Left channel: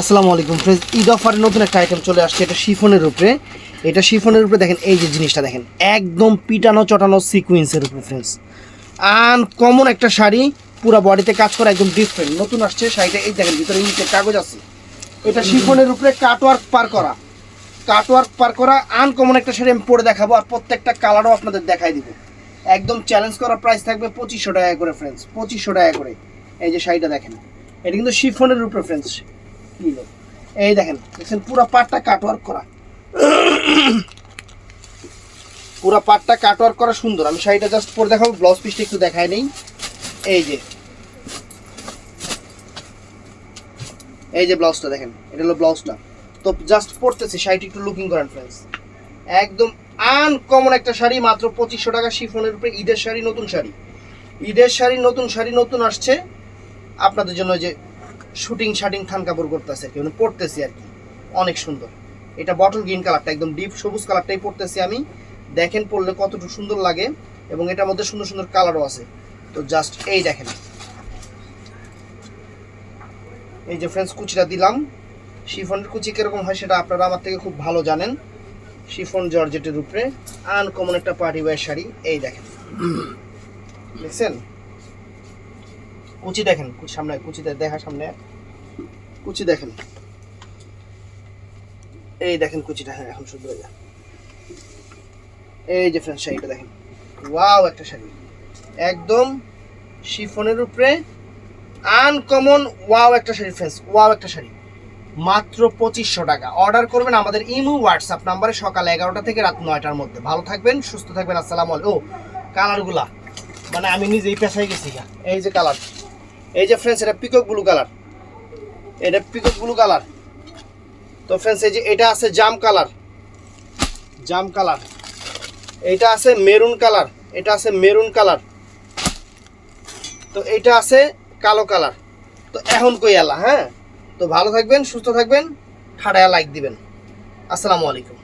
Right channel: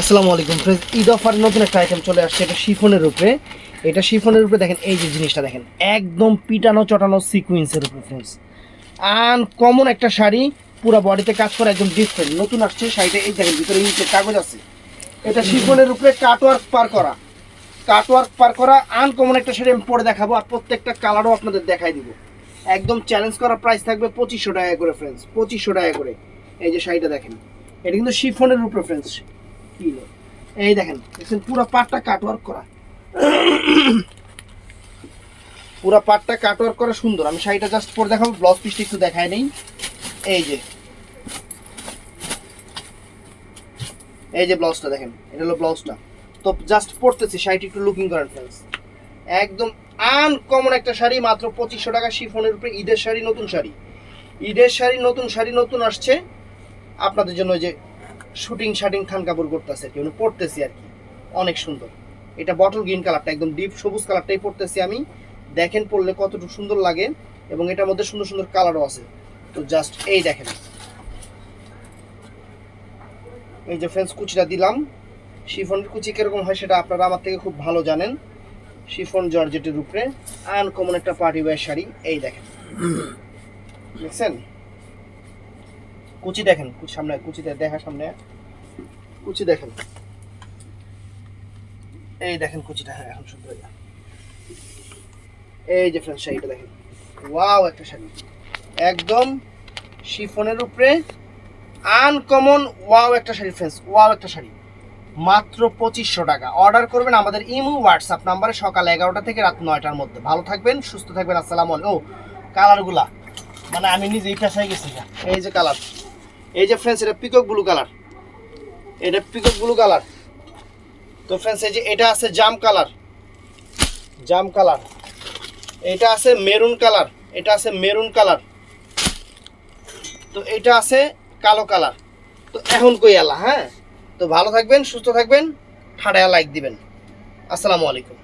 আসসালামু আলাইকুম ফ্রেন্ডস, ঈদ অফারের নতুন একটা আইটেম চলে আসছে। এটা শিফনের উপরে। এটা শিফনের উপরে দেখেন, এই যে জিনিসটা দেখেন, একদম পিটানো চটানো সিকুয়েন্সের উপরে ফ্রেন্ডস। আনকমন একটা শাড়ি, পুরো বডিতে কাজ করা, একদম ডিফারেন্ট নতুন আসছে শাড়িটা। এই দেখেন ভিতরে নিচের কাগজ আছে। এটা শিফনের উপরে কাটওয়ার্ক পার করা আনকমন একটা শাড়ি আমি পরে দেখাবো, আর প্রত্যেকটা কালারও আপনাদের দেখাই দিব। একদম চ্যালেঞ্জ করা প্রাইস থাকবে 2500 টাকা করে ফ্রেন্ডস, 2500 টাকা করে। এই যে শাড়িটা দেখেন, এটা কিন্তু শিফনের উপরে ফ্রেন্ডস। এই দেখেন দেখছেন, পুরো পাটটা কাটওয়ার্ক করা, পুরো পাটটা কাটওয়ার্ক করা সুন্দর। আমি শাড়িটা জাস্ট পরে দেখাবো, ব্লাউজ পিসটা একটু দেখায় নেই। এই যে এই যে ব্লাউজটা দেখেন, এটা হলো ব্লাউজটা। তো জাস্ট পরতেছি, শাড়িটি একটু লুকিং করেন ফ্রেন্ডস। একদম আনকমন একটা শাড়ি, মাত্র 2500 টাকা শিফনের উপরে। ঈদের শাড়ি, নতুন শাড়ি, ঈদের শাড়ি, নতুন শাড়ি, নতুন আসছে আপনাদের জন্য। যে শুটিং শাটিং থান কাপড় করতেছে আর কি, মানে পরতেছি আর কি, অনেক সুন্দর। এটা বটল গ্রিন কালারটা, একদম ডিপ সবুজ কালারটাই পরতেছি আমি। দেখেন পরলে কতটুকু সুন্দর লাগে, এবং এটার মধ্যে সুন্দর সুন্দর কালারও আছে। তো জাস্ট এই দেখেন, এই যে ফ্রেন্ডস কুচিটা দিলাম। শিফনের কুচি কিরকম হয় সেটা আপনারা আমার থেকে খুব ভালো জানেন। শিফন জর্জেটের উপরে আনকমন একটা পার্টি ওয়্যার শাড়ি। এই দেখেন, দেখছেন কুচি দেখেন, কুচি সামনে, কুচিতে দেখা সামনে, কুচি দেখেন, এই দেখেন কুচিটা। হ্যাঁ, এখন শুধু এই যে ফ্রেন্ডস শাড়িটা দেখেন, ওয়াও একটা শাড়ি, একদম শিফনের উপরে আনকমন ওয়াও একটা শাড়ি ফ্রেন্ডস, ওয়াও একটা শাড়ি, মাত্র 2500 টাকা। অর্ডার করবেন আমাদের ইমো হোয়াটসঅ্যাপ নাম্বারে সকাল 11টা থেকে রাত 9টার মধ্যে। ভালো থাকবেন, সুস্থ থাকবেন, আসসালামু আলাইকুম। ও কালারগুলা মানে আমি নিজেই পেছাই গেছি। এই যে কালার, এই যে ফ্রেন্ডস এটা পিকক ব্লু কালার, এটা পিকক ব্লু কালার। তো ফ্রেন্ডস এই যে এটা আছে জাম কালার, জাম কালার, এটা আছে মেরুন কালার, এটা আছে মেরুন কালার, তো এটা আছে কালো কালার। তো এখন কই আলা। হ্যাঁ, তো ভালো থাকবেন, সুস্থ থাকবেন, ঠাড়ায়া লাইক দিবেন। আসসালামু আলাইকুম।